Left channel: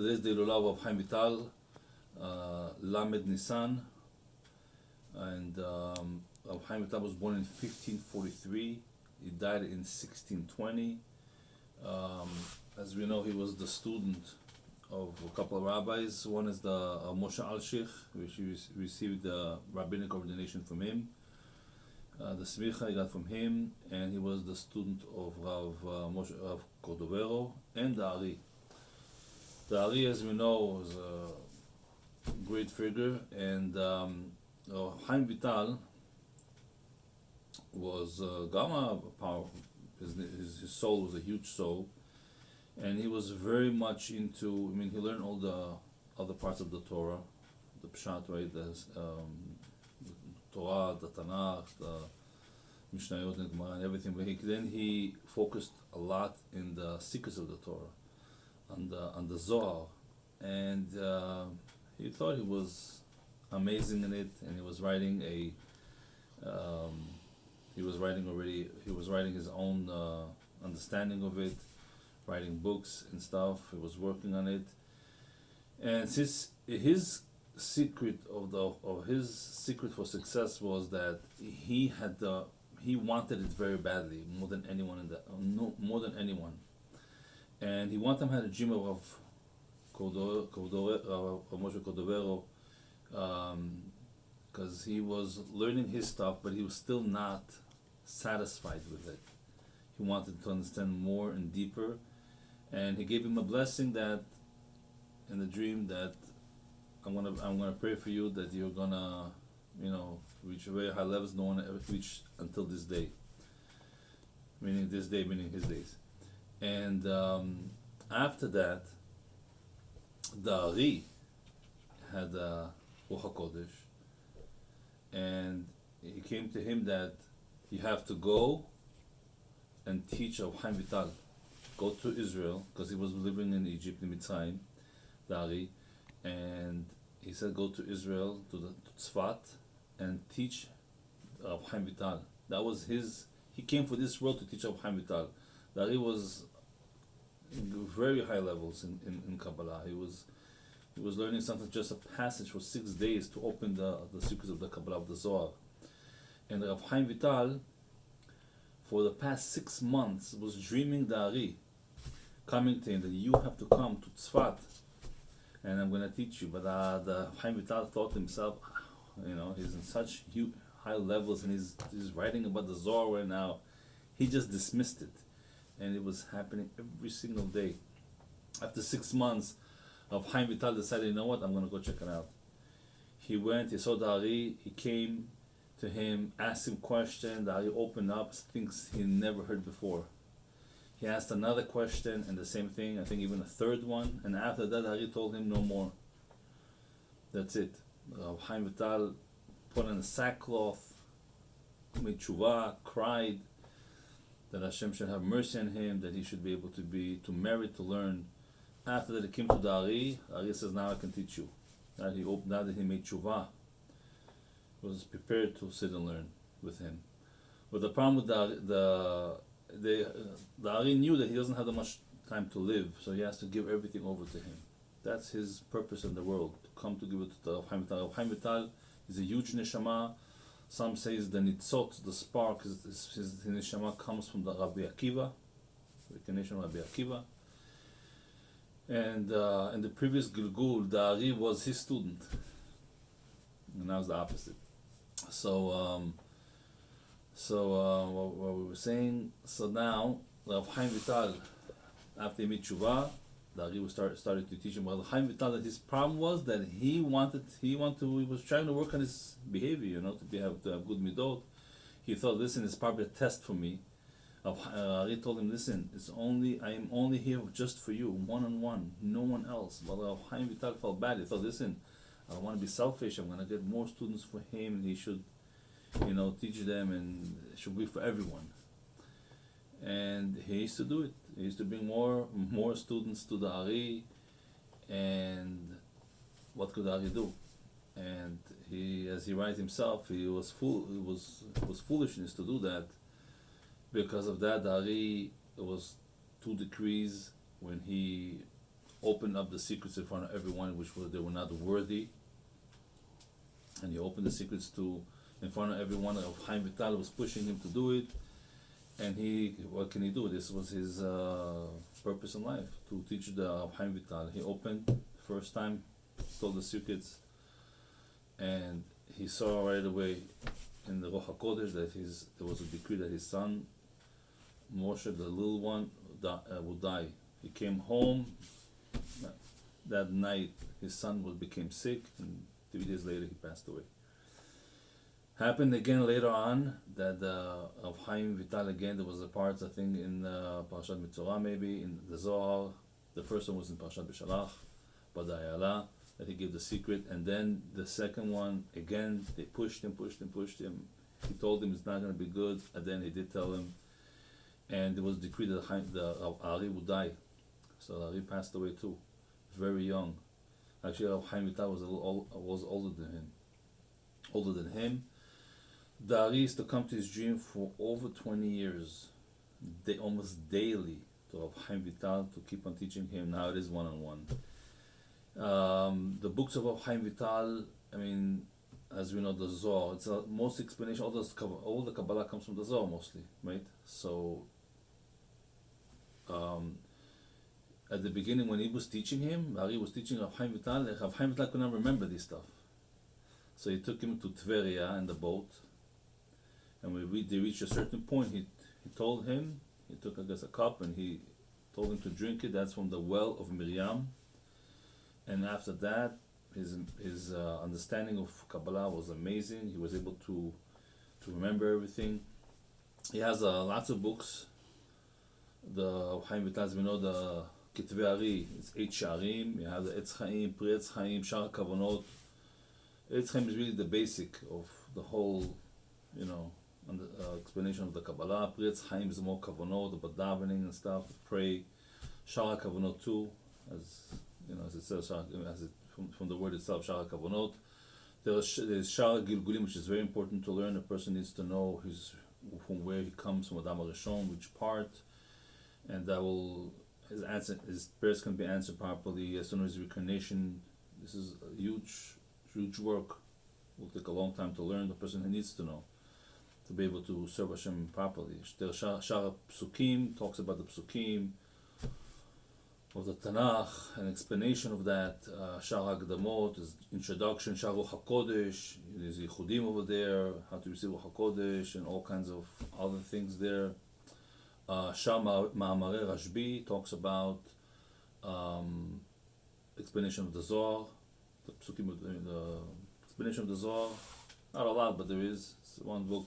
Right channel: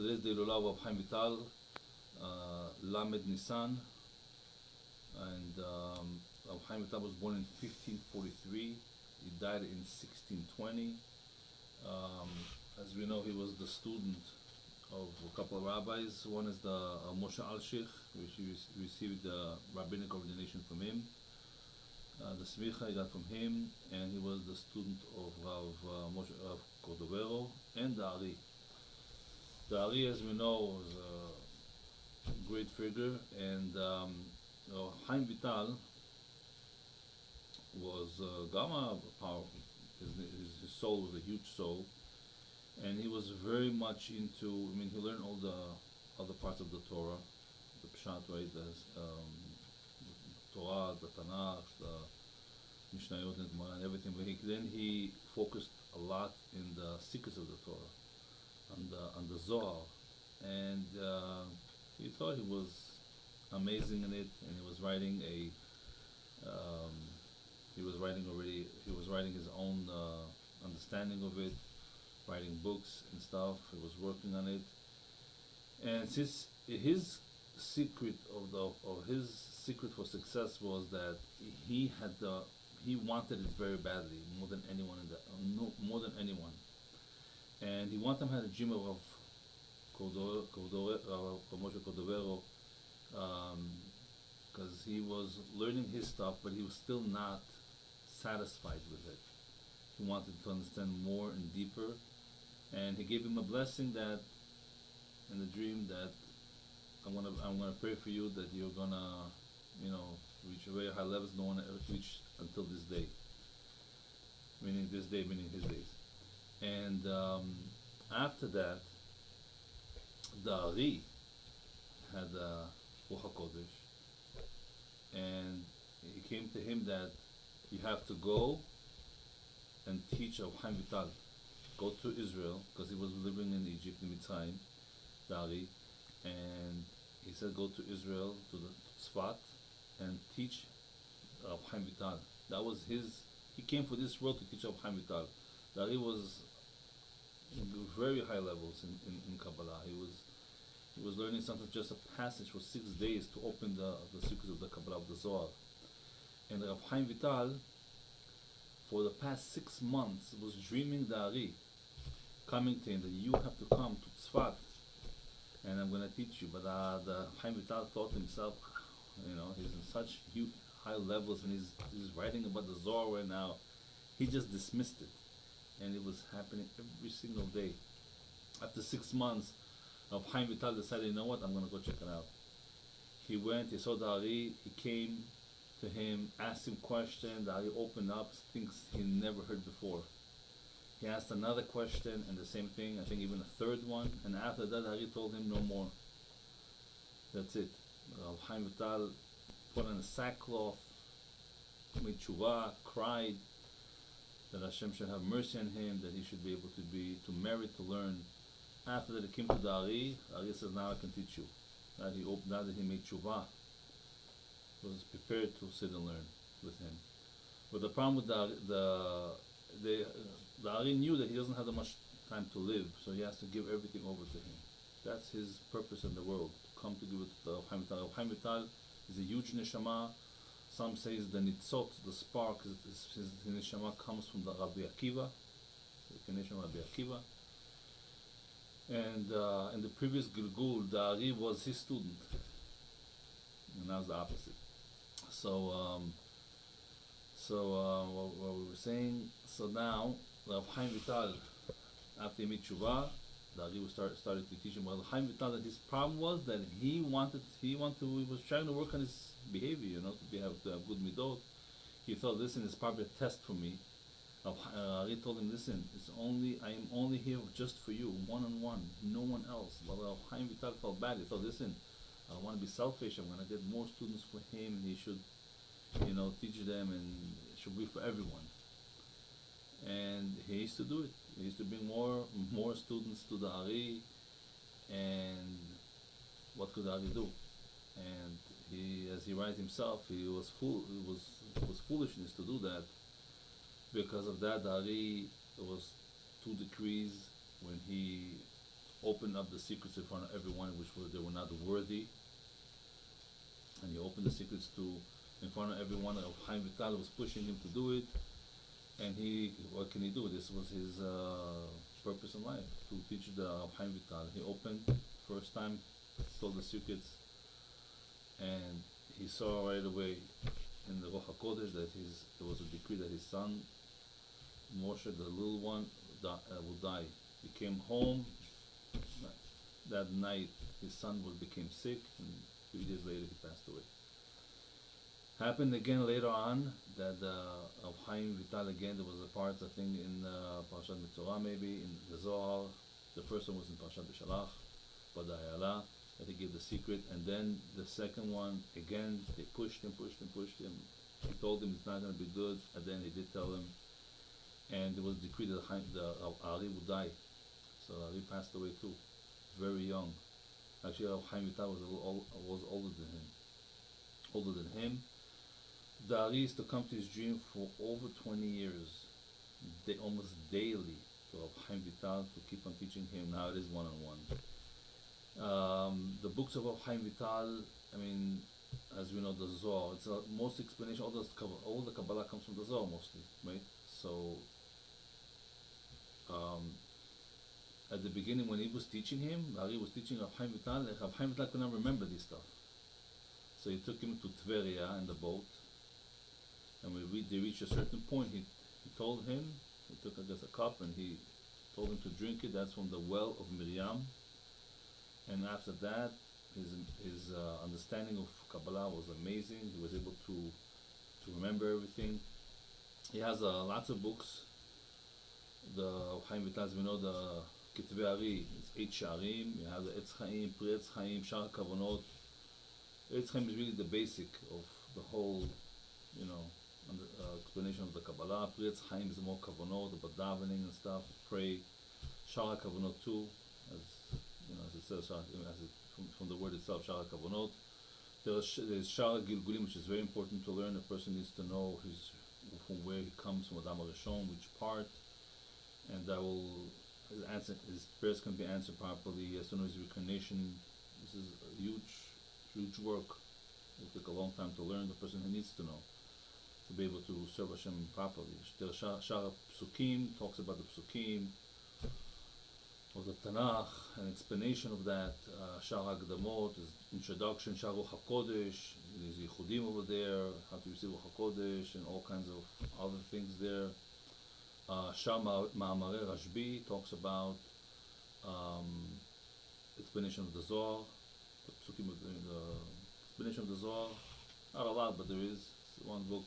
Today's day lulav of Chaim Vital, Lamed Nisan, and Chaim Vital was born in 1543. He died in 1620. As we know, he was the student of a couple of rabbis. One is the Moshe Alshich, which he received the rabbinic ordination from him. The smicha he got from him, and he was the student of Moshe Rav Cordovero and the Ari. The Ari, as we know, was a great figure, and Chaim Vital was Gama power. His soul was a huge soul, and he was very much into. I mean, he learned all the other parts of the Torah, the Pshat, right? The Torah, the Tanakh, the Mishnayot, and Gemara, and everything. But then he focused a lot in the secrets of the Torah, on the Zohar, and he thought he was amazing in it, and he was writing he was writing his own understanding of it, writing books and stuff. He was working on it, and since his secret his secret for success was that he wanted it very badly, more than anyone more than anyone, and he one time had a dream of Moshe Cordovero, because he was learning his stuff, but he was still not satisfied with it. He wanted to understand more and deeper, and he gave him a blessing that, in the dream, that I'm gonna pray for you that you're gonna, reach very high levels no one ever reached until this day. Meaning his days. And after that, the Ari had a Ruach HaKodesh, and he came to him that you have to go and teach of Chaim Vital. Go to Israel, because he was living in Egypt, in Mitzrayim, the Ari, and he said go to Israel, to the Tzfat, and teach of Chaim Vital. That was he came for this world to teach of Chaim Vital. The Ari was very high levels in Kabbalah. He was learning something, just a passage for 6 days to open the secrets of the Kabbalah, of the Zohar. And Rav Chaim Vital, for the past 6 months, was dreaming the Ari, coming to him that you have to come to Tzfat, and I'm going to teach you. But the Chaim Vital thought to himself, he's in such huge, high levels, and he's writing about the Zohar right now. He just dismissed it, and it was happening every single day. After 6 months, Chaim Vital decided, you know what, I'm going to go check it out. He went, he saw the Ari, he came to him, asked him questions. The Ari opened up things he never heard before. He asked another question, and the same thing, I think even a third one, and after that, Ari told him no more. That's it. Chaim Vital put on a sackcloth, made tshuva, cried that Hashem should have mercy on him, that he should be able to merit to learn. After that, he came to the Ari. Ari says, now I can teach you. Now that he made tshuva, he was prepared to sit and learn with him. But the problem with the Ari knew that he doesn't have that much time to live, so he has to give everything over to him. That's his purpose in the world, to come to give it to the Chaim Vital. Chaim Vital is a huge neshama. Some say the nitzot, the spark, his neshama comes from the Rabbi Akiva, the nation of Rabbi Akiva. And in the previous Gilgul, the Ari was his student, and now it's the opposite. So what we were saying. So now, Rav Chaim Vital, after he made tshuva, the Ari started to teach him. Well, Chaim Vital, that his problem was that he was trying to work on his behavior, to have good midot. He thought, listen, it's probably a test for me. Ari told him, listen, I am only here just for you, one-on-one, no one else. But Chaim Vital felt bad. He thought, listen, I don't want to be selfish. I'm going to get more students for him, and he should, teach them, and it should be for everyone. And he used to do it. He used to bring more students to the Ari, and what could Ari do? And he, as he writes himself, it was foolishness to do that. Because of that, the Ari, it was 2 decrees when he opened up the secrets in front of everyone, which were they were not worthy, and he opened the secrets to in front of everyone. Of Chaim Vital was pushing him to do it, and he, what can he do? This was his purpose in life, to teach the Chaim Vital. He opened first time, told the secrets, and he saw right away in the Ruach HaKodesh that there was a decree that his son Moshe, the little one, would die. He came home that night. His son became sick, and 3 days later he passed away. Happened again later on that of Chaim Vital again. There was a part, I think, in Parashat Mitzorah, maybe in the Zohar. The first one was in Parashat B'Shalach, Badayala, that he gave the secret, and then the second one again they pushed him. He told him it's not going to be good, and then he did tell him, and it was decreed that Ari would die. So Ari passed away too, very young. Actually, Chaim Vital was older than him. The Ari used to come to his dream for over 20 years, almost daily, to have Chaim Vital to keep on teaching him. Now it is one-on-one. The books of Chaim Vital, I mean, as we know, the Zohar, it's most explanation, all the Kabbalah comes from the Zohar mostly, right? So, at the beginning when he was teaching him, Ari was teaching Chaim Vital, Chaim Vital could not remember this stuff. So he took him to Tveria in the boat, and when they reached a certain point, he told him, he took, I guess, a cup, and he told him to drink it. That's from the well of Miriam. And after that, his understanding of Kabbalah was amazing. He was able to remember everything. He has lots of books. The Chaim Vital, as we know, the Kitvei Ari, it's 8 Sharim. You have the Etz Chaim, Pri Etz Chaim, Shar Kavanot. Etz Chaim is really the basic of the whole, explanation of the Kabbalah. Pri Etz Chaim is more Kavanot, about davening and stuff, pray. Shar Kavanot too, as it says, from the word itself, Shar Kavanot. There's Shar Gilgulim, which is very important to learn. A person needs to know from where he comes, from Adam HaRishon, which part, and that will his prayers can be answered properly as soon as reincarnation. This is a huge work. It will take a long time to learn. The person who needs to know to be able to serve Hashem properly. The Shar Psukim talks about the Psukim of the Tanakh, an explanation of that. Shar HaKdamot is introduction. Shar Ruach HaKodesh, there's Yichudim over there, how to receive Ruach HaKodesh, and all kinds of other things there. Shar Ma'amarei Rashbi talks about explanation of the Zohar, the Psukim of the explanation of the Zohar. Not a lot, but there is. It's one book.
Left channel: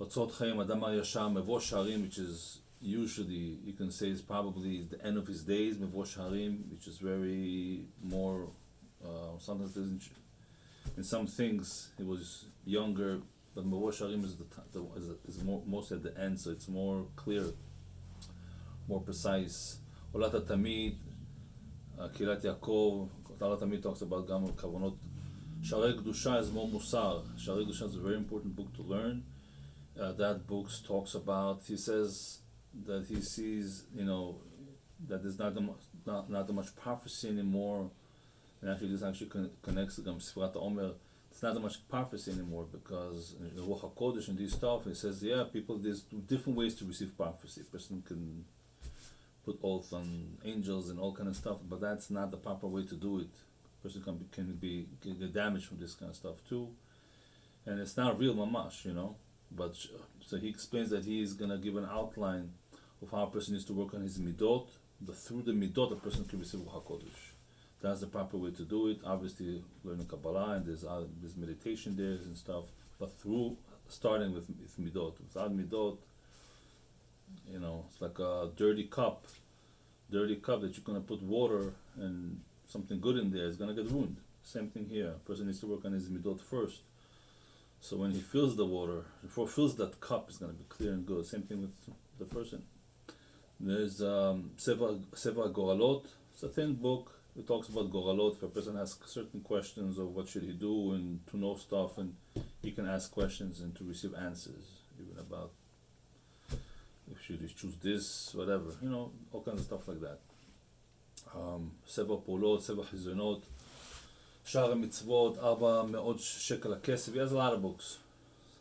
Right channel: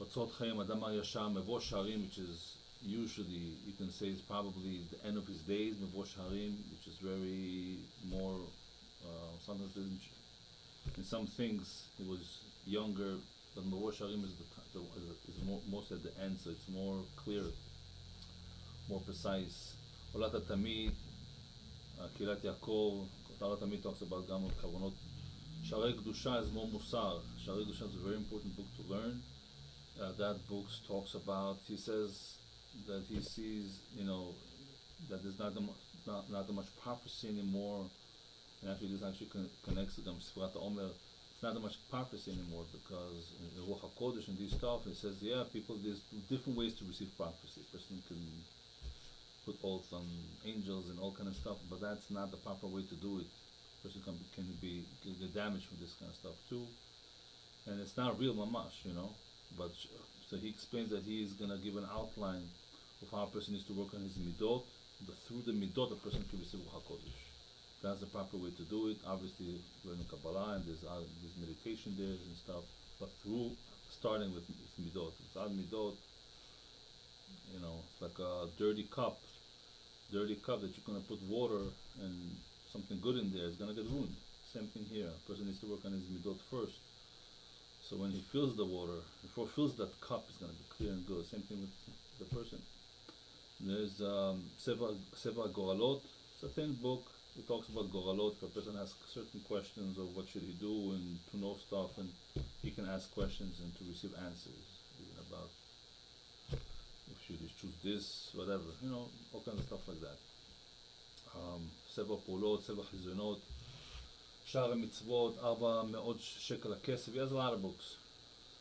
Otzot Chaim Adam Yashar Mevo Sharim, which is usually, you can say, is probably the end of his days, Mevo Sharim, which is very more, sometimes in some things he was younger, but Mevo Sharim is mostly at the end, so it's more clear, more precise. Olat HaTamid, Kirat Yaakov, Olat HaTamid talks about Gam Kavanot. Sharei Kedusha is more Musar. Sharei Kedusha is a very important book to learn. That book talks about, he says that he sees, that there's not that much prophecy anymore, and actually this connects to Sfirat HaOmer. It's not that much prophecy anymore, because in the Ruach HaKodesh and these stuff, it says, there's different ways to receive prophecy. A person can put oath on angels and all kind of stuff, but that's not the proper way to do it. A person can get damaged from this kind of stuff too, and it's not real mamash, But so he explains that he is gonna give an outline of how a person needs to work on his midot. Through the midot, a person can receive Ruach HaKodesh. That's the proper way to do it. Obviously, learning Kabbalah, and there's meditation there and stuff. But starting with midot. Without midot, it's like a dirty cup that you're gonna put water and something good in there. It's gonna get ruined. Same thing here. A person needs to work on his midot first. So when he fills the water, before he fills that cup, it's going to be clear and good. Same thing with the person. There's Seva Goralot. It's a thin book. It talks about Goralot. If a person has certain questions of what should he do and to know stuff, and he can ask questions and to receive answers, even about if should he choose this, whatever, all kinds of stuff like that. ספר פעולות, ספר חזיונות, שער המצוות, 400 שקל הכסף. He has a lot of books.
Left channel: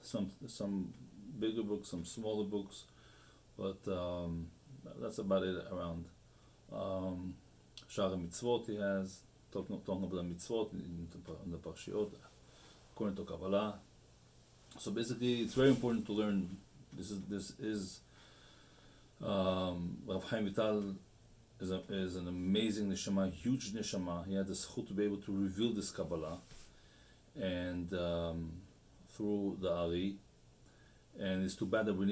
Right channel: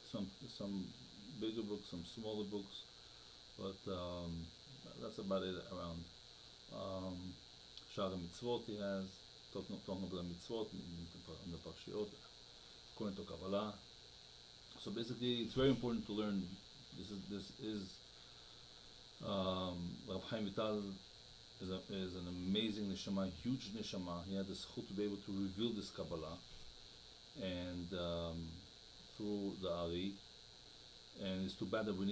Some bigger books, some smaller books, but that's about it around. שער המצוות he has, talking about the mitzvot in the parshiot, according to Kabbalah. So basically, it's very important to learn. This is Rav Chaim Vital is an amazing neshama, huge neshama. He had the zchut to be able to reveal this Kabbalah, and through the Ari. And it's too bad that we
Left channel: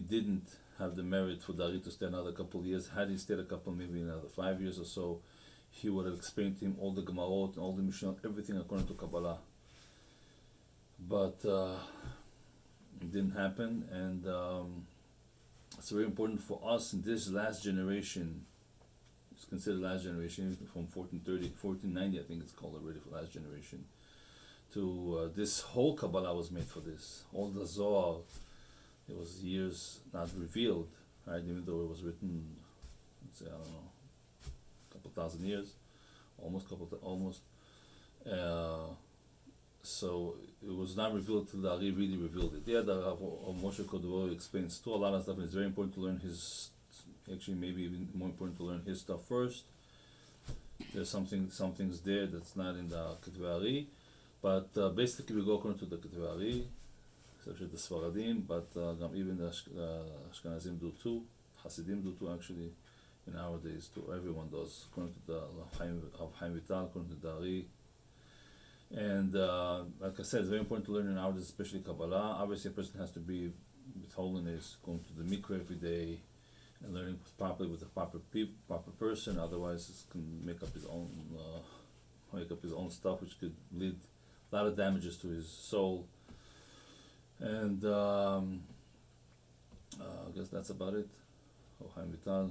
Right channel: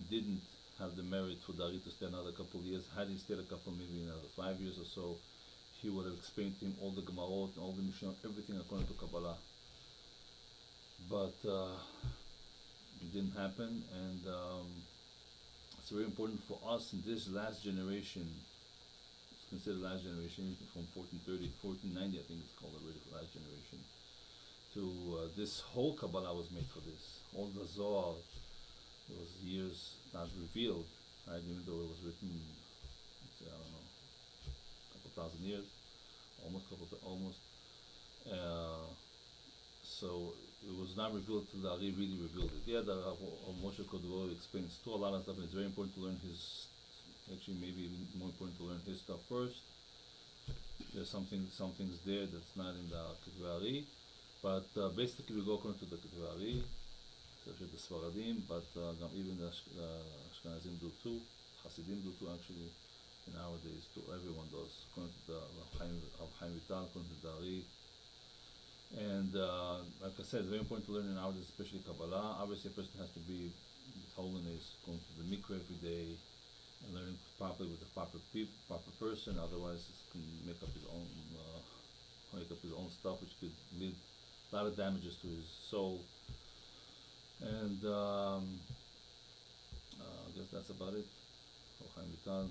didn't have the merit for the Ari to stay another couple of years. Had he stayed a couple, maybe another 5 years or so, he would have explained to him all the Gemarot and all the Mishnah, everything according to Kabbalah. But it didn't happen, and it's very important for us in this last generation. It's considered last generation from 1490, I think it's called already for last generation. To this whole Kabbalah was made for this. All the Zohar, it was years not revealed, right? Even though it was written, let's say, I don't know, a couple thousand years, almost. So it was not revealed till the Ari really revealed it. Yeah, the Moshe Cordova explains too a lot of stuff, and it's very important to learn his. Actually, maybe even more important to learn his stuff first. There's some things there that's not in the Ketvei Ari, but basically we go according to the Ketvei Ari, especially the Sfaradim, but even the Ashkenazim do too, Hasidim do too actually, nowadays too, everyone does, according to the Chaim Vital, according to the Ari. And like I said, it's very important to learn nowadays, especially Kabbalah. Obviously a person has to be with holiness, going to the mikveh every day, and learning properly with the proper person, otherwise it can make up his own stuff, which could lead a lot of damages to his soul. And I guess that's about it. Chaim Vital.